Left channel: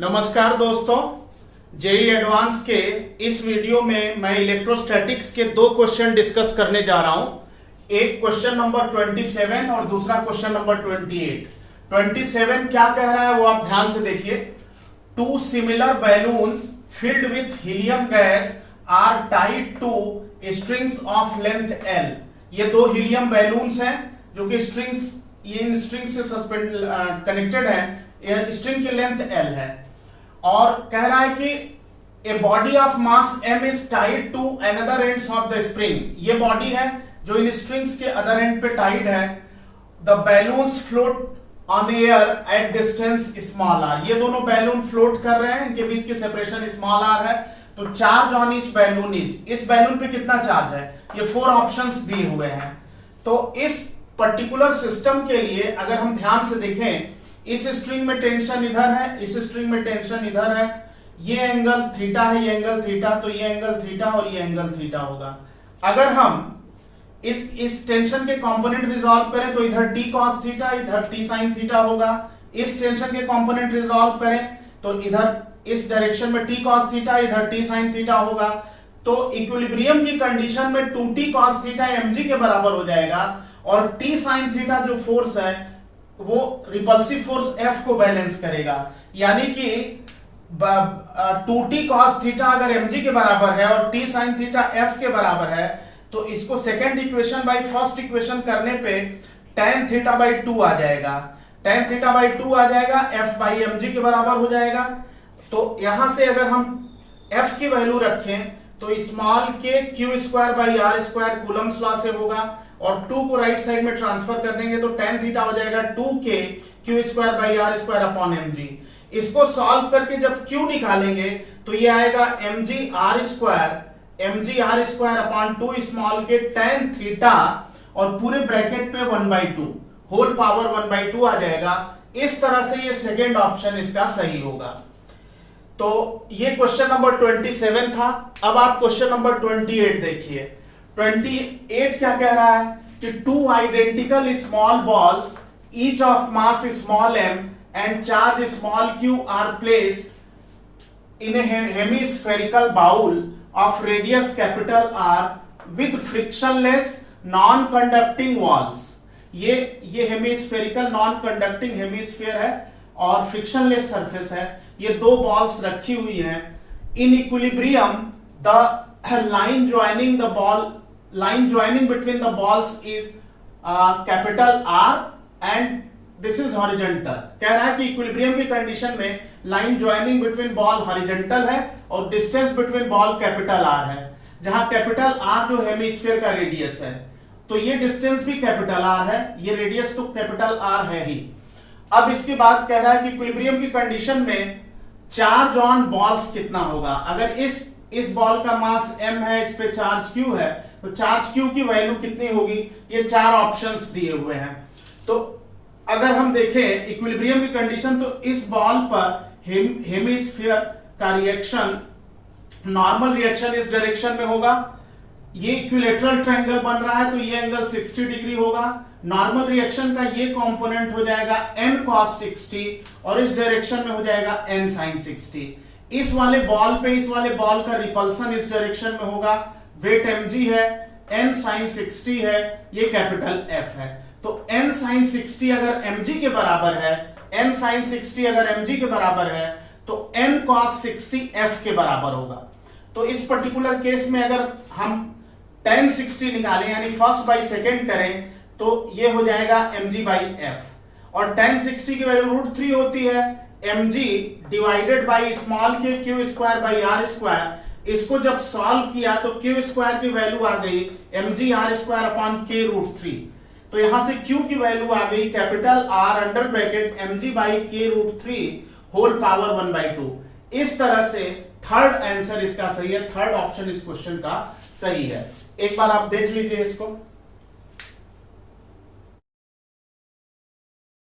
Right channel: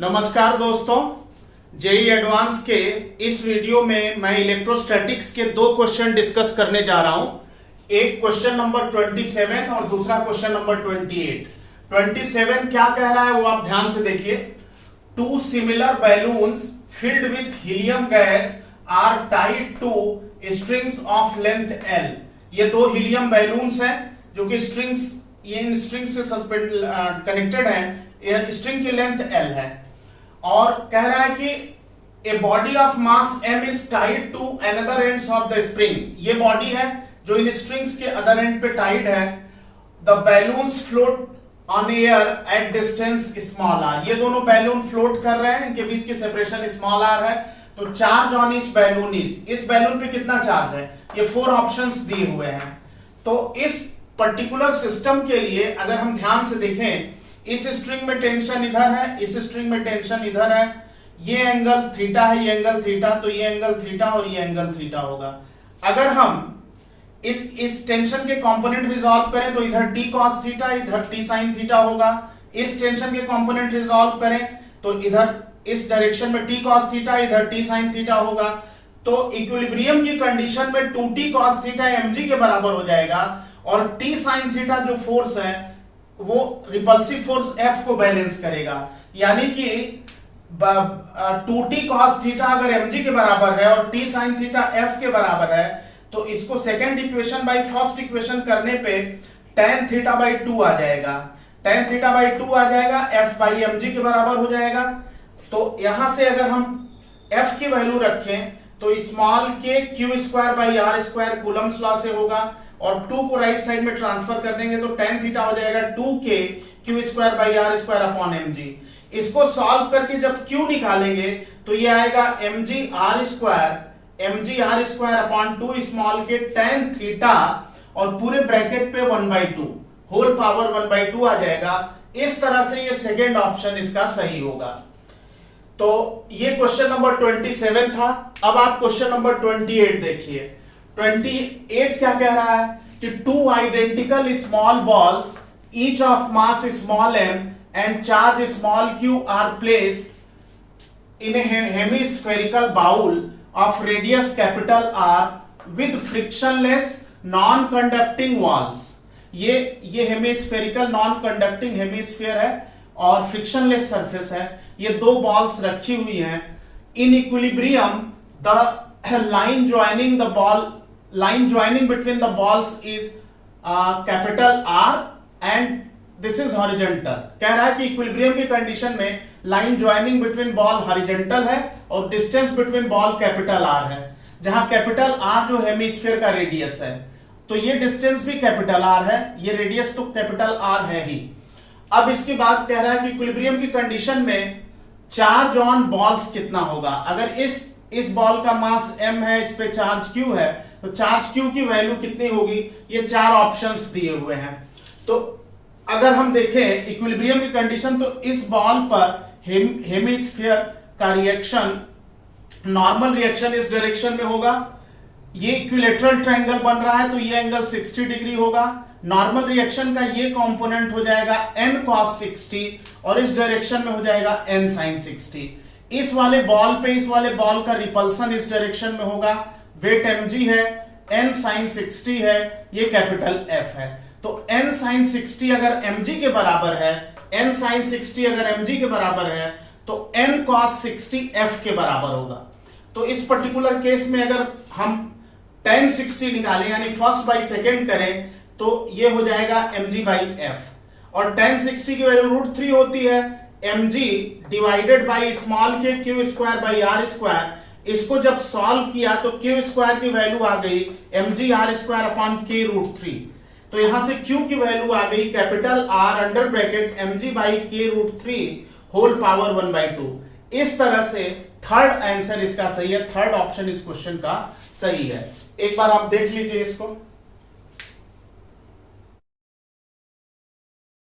नमस्कार दोस्तों, JEE advance के इस वीडियो में मैं इलेक्ट्रोस्टैटिक्स के दो क्वेश्चन डिस्कस करने जा रहा हूं। एक क्वेश्चन नंबर 27 और दूसरा क्वेश्चन नंबर 28। 27 क्या कह रहा है वो आप ध्यान से देखिए। Two similar balloons filled with helium gas are tied to strings of length L. ये दो हीलियम बैलून्स हैं जो कि इन स्ट्रिंग्स से सस्पेंड कनेक्टेड है। स्ट्रिंग की लेंथ एल है और कह रहा है कि a body of mass m is tied to another ends of the spring. ये बॉडी है जो इन स्ट्रिंग्स के अदर एंड पे टाइड है। The balloons float on air at distance small R. ये दोनों बैलून फ्लोट कर रहे हैं, इनके बीच की सेपरेशन स्मॉल आर है। तो charge on each balloon is, इस बैलून पे कितना चार्ज है, ये 4 ऑप्शंस दिए हुए हैं। तो इस पर्टिकुलर सिस्टम के लिए अगर हम ध्यान से देखें, इस स्ट्रिंग में टेंशन इधर है, इस स्ट्रिंग में टेंशन इधर है, ये एंगल थीटा है, ये एंगल थीटा, तो ये एंगल थीटा और ये एंगल थीटा होगा। अगर हम इस टेंशन के कंपोनेंट रिजॉल्व करें तो इधर t cos थीटा, इधर t sin थीटा होगा। इस टेंशन के कंपोनेंट रिजॉल्व करें तो इधर इस डायरेक्शन में t cos थीटा, इधर t sin थीटा होगा। तो इक्विलिब्रियम की कंडीशन में 2t cos थीटा mg के बराबर हो जाएगा और t sin थीटा जो फोर्स है वो रिपल्सिव फोर्स F को बैलेंस करेगा। यानी कि 2t cos थीटा अगर mg के बराबर है और t sin थीटा F के बराबर है तो इसको second equation by first equation करने पे tan थीटा बाई 2 आ जाएगा। tan थीटा बाई 2 आ जाएगा, F बाई mg के बराबर हो जाएगा। तो यहां से अगर हम F की वैल्यू रखें तो small K Q square by R square Coulomb's law से होगा और 2 को राइट साइड में ट्रांसफर कर देंगे तो tan थीटा हो जाएगा 2k Q square by R square upon mg। इसको सॉल्व करके जब q निकालेंगे तो ये आएगा mg r square upon 2 small K tan theta और पूरे ब्रैकेट पे 1/2 होल पावर 1/2 आ जाएगा। इस तरह से ये सेकेंड ऑप्शन इसका सही होगा। तो ये क्वेश्चन नंबर 27 था। अब आप क्वेश्चन नंबर 28 देखिए। 28 क्या कह रहा है कि two identical small balls each of mass small m and charge small q are placed in a hemispherical bowl of radius capital R with frictionless non conducting walls. ये हेमिस्फेरिकल नॉन कंडक्टिंग हेमिस्फीयर है और frictionless surface है। ये दो balls रखी हुई हैं। In equilibrium the line joining between the balls is capital R and this is horizontal। कह रहा है कि इक्विलिब्रियम की कंडीशन में line joining between ball horizontal है और distance between ball capital R है, जहां कैपिटल R जो हेमिस्फीयर का रेडियस है। तो ये डिस्टेंस भी कैपिटल R है, ये रेडियस तो कैपिटल R है ही। अब इसकी बात कह रहा है कि इक्विलिब्रियम की कंडीशन में चार्ज ऑन बॉल्स कितना होगा। अगर इस बॉल का मास m है, इस पे चार्ज q है, तो चार्ज q की वैल्यू कितनी होगी, ये 4 ऑप्शंस दिए हुए हैं। तो अगर हम देखें इक्विलिब्रियम की कंडीशन तो इस बॉल पर हेमिस्फीयर का रिएक्शन, नॉर्मल रिएक्शन इस डायरेक्शन में होगा। ये इक्विलेटरल ट्रायंगल बन रहा है तो ये एंगल 60 डिग्री होगा। नॉर्मल रिएक्शन का ये कंपोनेंट हो जाएगा n cos 60 और इस डायरेक्शन में हो जाएगा n sin 60। इस वाले बॉल का रिपल्सन इस डायरेक्शन में होगा। वेट mg है, n sin 60 है, ये कैपिटल F है। तो n sin 60 अगर mg के बराबर है, n sin 60 अगर mg के बराबर है तो n cos 60 F के बराबर होगा। तो इस पर्टिकुलर केस में अगर हम tan 60 निकालें यानी फर्स्ट बाई सेकेंड करें तो ये हो जाएगा mg बाई F और tan 60 की वैल्यू √3 होती है mg divided by small K Q square by R square. इसको जब सॉल्व किया तो क्यू स्क्वायर की वैल्यू आ गई mg r square upon k √3। तो यहां से q की वैल्यू आ गई capital R under bracket mg by k √3 whole power 1/2। इस तरह से थर्ड आंसर इसका सही है, थर्ड ऑप्शन इस क्वेश्चन का सही है। एक बार आप देख लीजिए इसको।